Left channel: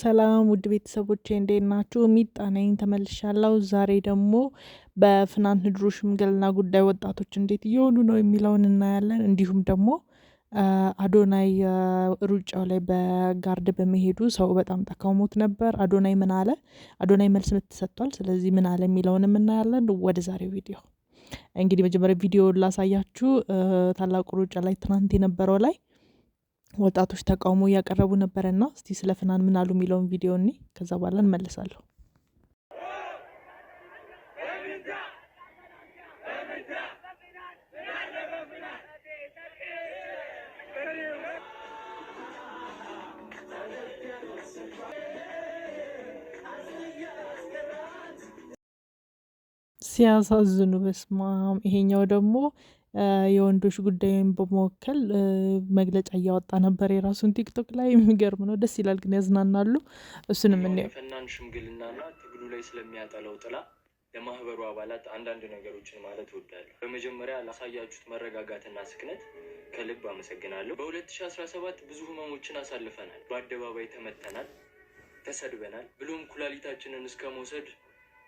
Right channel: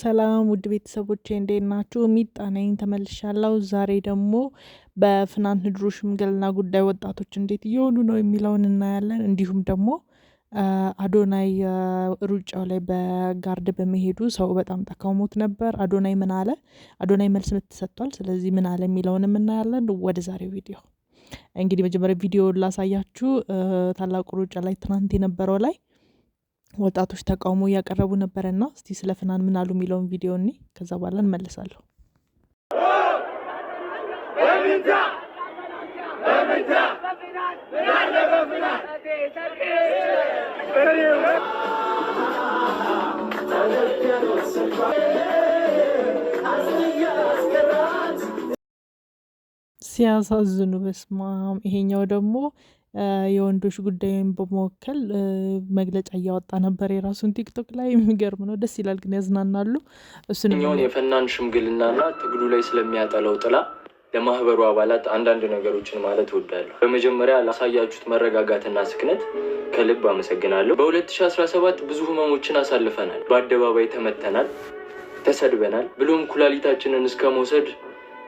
ሰላም ውድ ቤተሰቦቼ እንዴት ናችሁ? ሚጣ ነኝ ተመልሻለሁ። ዛሬ ደግሞ በፍናን ህድሩ ሽምግልና ጉዳይ ወጣቶች እንዴት እየሆኑ ነው የሚለውን እናያለን። እንዲሁም ደግሞ አዶናይ ሩጫው ላይ በጋርድ በመሄዱ ሰው በጣም ተቃውሞት ነበር። አዶናይ ምን አለ? አዶናይ መልስ ምት ሰጥቷል። ስለዚህ ምን አለ የሚለውንም እናያለን። ወደ ዛሬው ቪዲዮ እንግዲህ መጀመሪያ ቪዲዮ ላሳያችሁ። ታላቁ ሩጫ ላይ ትናንት የነበረው ላይ ወጣቶች ተቃውሞ እያቀረቡ ነበረና እስቲ ስለ ፍናን ምን አሉ የሚለውን ቪዲዮ እኔ ከዛ በኋላ እንመለሳለሁ። ሲያሳዝኑ በስማም። ይሄኛው ደግሞ የወንዶች ጉዳይን በመወከል መግለጫ እያወጣ ነበር የራሱን ቲክቶክ ላይ። የሚገርም ነው፣ ደስ ይላል፣ ግን ያዝናናሉ። እሱንም የፈናን ሽምግልናና ትግሉ ላይ ስለሚያጠለው ጥላ ለማህበሩ አባላት አንዳንድ ነገሮችን ማለት እወዳለሁ። በመጀመሪያ ላሳያችሁት መረጋጋትና ስክነት ከልብ አመሰግናለሁ። በ2017 ብዙ ህመሞችን አሳልፈናል። በአደባባይ ተመተናል፣ ተሰድበናል፣ ብሎም ኩላሊታችንን እስከ መውሰድ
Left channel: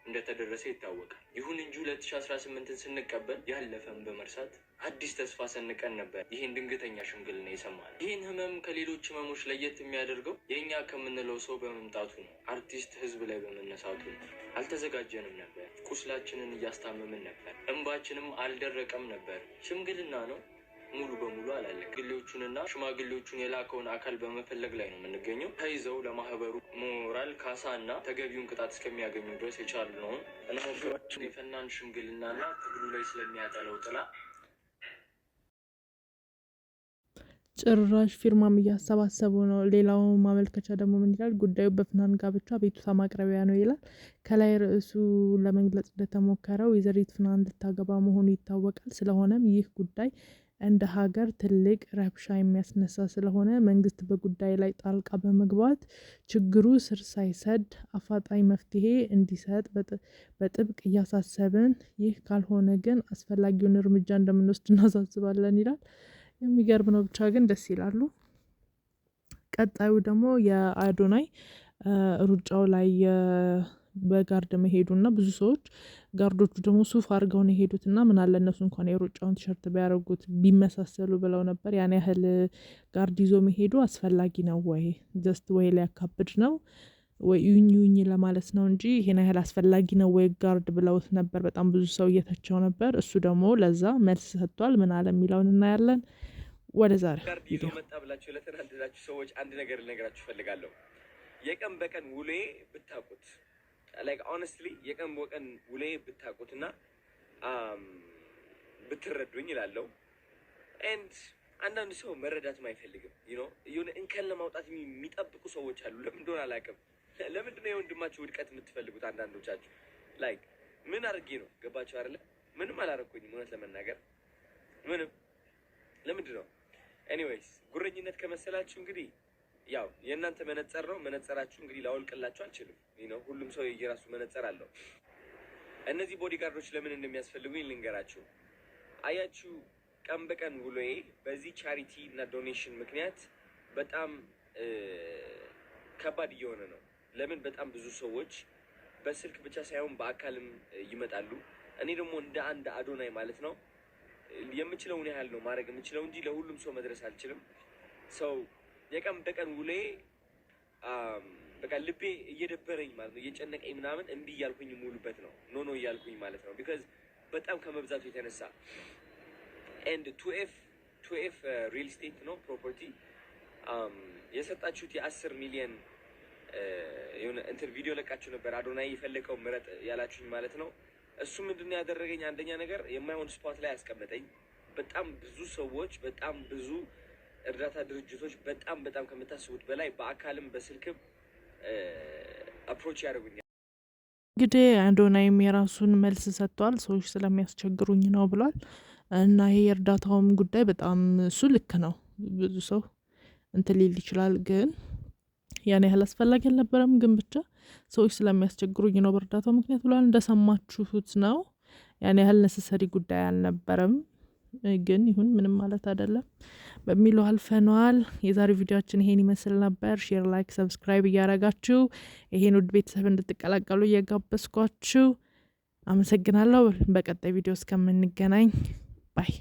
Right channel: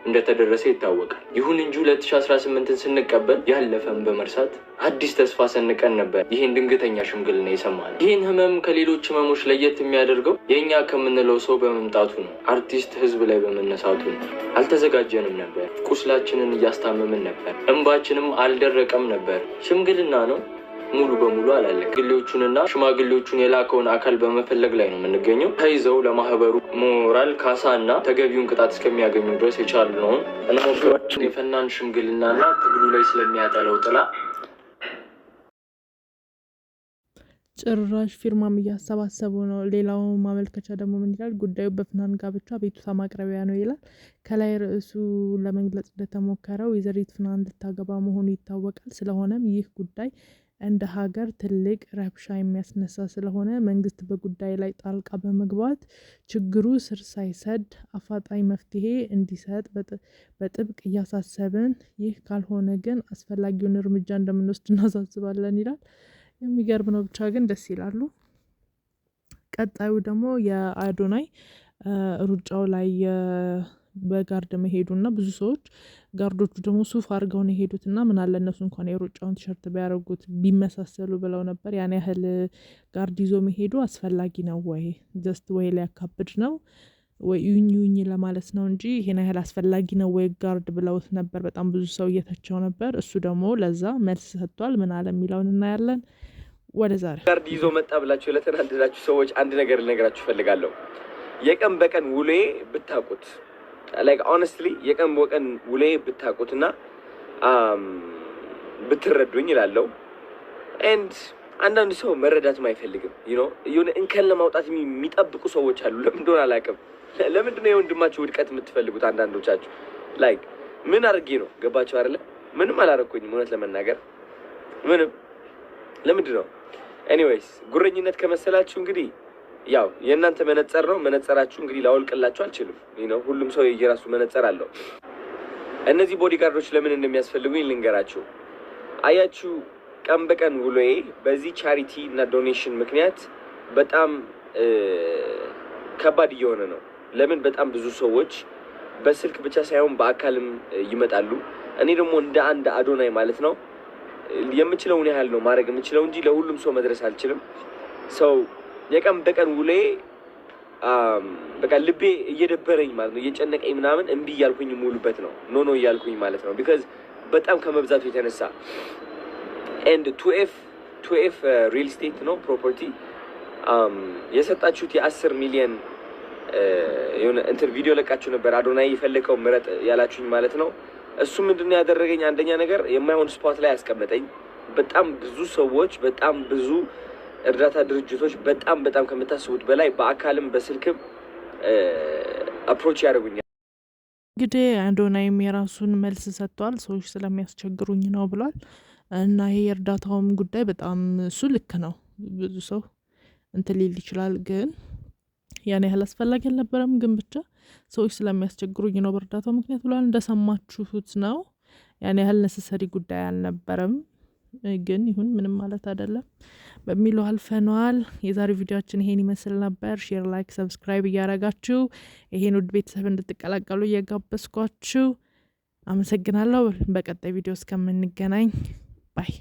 እንደተደረሰ ይታወቃል። ይሁን እንጂ 2018ን ስንቀበል ያለፈን በመርሳት አዲስ ተስፋ ሰንቀን ነበር ይህን ድንገተኛ ሽምግልና የሰማነው። ይህን ህመም ከሌሎች ህመሞች ለየት የሚያደርገው የእኛ ከምንለው ሰው በመምጣቱ ነው። አርቲስት ህዝብ ላይ በመነሳቱ ነው። አልተዘጋጀንም ነበር። ቁስላችንን እያስታመምን ነበር። እንባችንም አልደረቀም ነበር። ሽምግልና ነው፣ ሙሉ በሙሉ አላለቀ። ሽማግሌዎቹንና ሽማግሌዎቹን የላከውን አካል በመፈለግ ላይ ነው የምንገኘው። ተይዘው ለማህበሩ ሞራል ካሳ እና ተገቢውን ቅጣት እስከሚያገኙ ድረስ የቻልነውን እንሞክራለን። የፈናን ሽምግልናና ትግሉ ላይ ስለሚያጠለው ጥላ ጭራሽ ፊርማም እያሰባሰቡ ነው። ሌላው ማመልከቻ ደግሞ ምን ይላል? ጉዳዩ በፍናን ጋብቻ ቤቱታ ማቅረቢያ ነው ይላል። ከላይ ርዕሱ ለመግለጽ እንደተሞከረው ወይዘሪት ፍናን ልታገባ መሆኑ ይታወቃል። ስለሆነም ይህ ጉዳይ እንደ ሀገር ትልቅ ረብሻ የሚያስነሳ ስለሆነ መንግስት በጉዳይ ላይ ጣልቃ በመግባት ችግሩ ስር ሳይሰድ አፋጣኝ መፍትሄ እንዲሰጥ በጥብቅ እያሳሰብን፣ ይህ ካልሆነ ግን አስፈላጊውን እርምጃ እንደምንወስድ እናሳስባለን ይላል። የሚገርም ነው። ብቻ ግን ደስ ይላሉ። ቀጣዩ ደግሞ የአዶናይ ሩጫው ላይ በጋርድ መሄዱና ብዙ ሰዎች ጋርዶቹ ደግሞ ሱፍ አድርገው ነው የሄዱትና ምን አለ እነሱ እንኳን የሩጫውን ቲሸርት ቢያደርጉት ቢመሳሰሉ ብለው ነበር። ያን ያህል ጋርድ ይዞ መሄዱ አስፈላጊ ነው ወይ? ጀስት ወይ ሊያካብድ ነው ወይ ዩኝ ለማለት ነው እንጂ ይሄን ያህል አስፈላጊ ነው ወይ ጋርድ ብለውት ነበር። በጣም ብዙ ሰው እየተቸው ነበር። እሱ ደግሞ ለዛ መልስ ሰጥቷል። ምን አለ የሚለውን እናያለን። ወደ ዛሬ ጋርድ ይዞ መጣ ብላችሁ ለተናደዳችሁ ሰዎች አንድ ነገር ልነግራችሁ ፈልጋለሁ። የቀን በቀን ውሌ ብታቁት ላይክ ሆነስትሊ የቀን በቀን ውሌ ብታቁትና ብትረዱኝ ይላለው። ኤንድ አንዳንድ ሰው መረዳትም አይፈልግም። የሆነ እንከን ለማውጣት የሚጠብቁ ሰዎች አሉ። ለምን እንደሆነ አላውቅም። ለምንድን ነው የወንድማችሁ ውድቀት የምትፈልጉት? አንዳንዶቻችሁ ላይክ ምን አድርጌ ነው? ገባችሁ አይደለ? ምንም አላረኩኝም እውነት ለመናገር ምንም። ለምንድን ነው? ኤኒዌይስ ጉረኝነት ከመሰላችሁ እንግዲህ ያው የእናንተ መነጸር ነው። መነጸራችሁ እንግዲህ ላወልቅላችሁ አልችልም። ሁሉም ሰው የየራሱ መነጸር አለው። እነዚህ ቦዲጋርዶች ለምን እንደሚያስፈልጉኝ ልንገራችሁ። አያችሁ፣ ቀን በቀን ውሎዬ በዚህ ቻሪቲ እና ዶኔሽን ምክንያት በጣም ከባድ እየሆነ ነው። ለምን? በጣም ብዙ ሰዎች በስልክ ብቻ ሳይሆን በአካልም ይመጣሉ። እኔ ደግሞ እንደ አንድ አዶናይ ማለት ነው የምችለውን ያህል ነው ማድረግ የምችለው እንጂ ለሁሉም ሰው መድረስ አልችልም። ሰው የቀን በቀን ውሌ በቃ ልቤ እየደበረኝ ማለት ነው እየጨነቀኝ ምናምን እምቢ እያልኩኝ ሙሉበት ነው ኖ እያልኩኝ ማለት ነው። ቢካዝ በጣም ከመብዛቱ የተነሳ ኤንድ ቱኤፍ ሪል ስቴት ነው ፕሮፐርቲ የሰጣችሁት የ10 ሚሊዮን የሆነ እንትን ቪዲዮ ለቃችሁ ነበር። አዶናይ የፈለከው ምረጥ ያላችሁኝ ማለት ነው። እሱ ምንድነው ያደረገኝ? አንደኛ ነገር የማይሆን ስፖት ላይ ያስቀመጠኝ። በጣም ብዙ ሰዎች፣ በጣም ብዙ እርዳታ ድርጅቶች በጣም ከምታስቡት በላይ በአካልም በስልክም አፕሮች ያደርጉኛል። እንግዲህ አዶናይም የራሱን መልስ ሰጥቷል። ሰዎች ስለሚያስቸግሩኝ ነው ብሏል። እና ይሄ የእርዳታውም ጉዳይ በጣም እሱ ልክ ነው። ብዙ ሰው እንትን ሊል ይችላል፣ ግን ያን ያህል አስፈላጊ አልነበረም። ግን ብቻ ሰዎች ስለሚያስቸግሩኝ ነው በእርዳታው ምክንያት ብሏል። እንደሰማችሁት ነው። ያን ያህል ነሰሰሪ ጉዳይ አልነበረም። ግን ይሁን ምንም ማለት አይደለም። በሚለው አልፈነዋል። የዛሬው ቪዲዮአችን ይሄን ይመስል ነበር። ሼር፣ ላይክ፣ ሰብስክራይብ እያረጋችሁ ይሄን ውድ ቤተሰብ እንድትቀላቀሉ እየጋበዝኳችሁ አመሰግናለሁ። በቀጣይ ቪዲዮ እስከምንገናኝ ባይ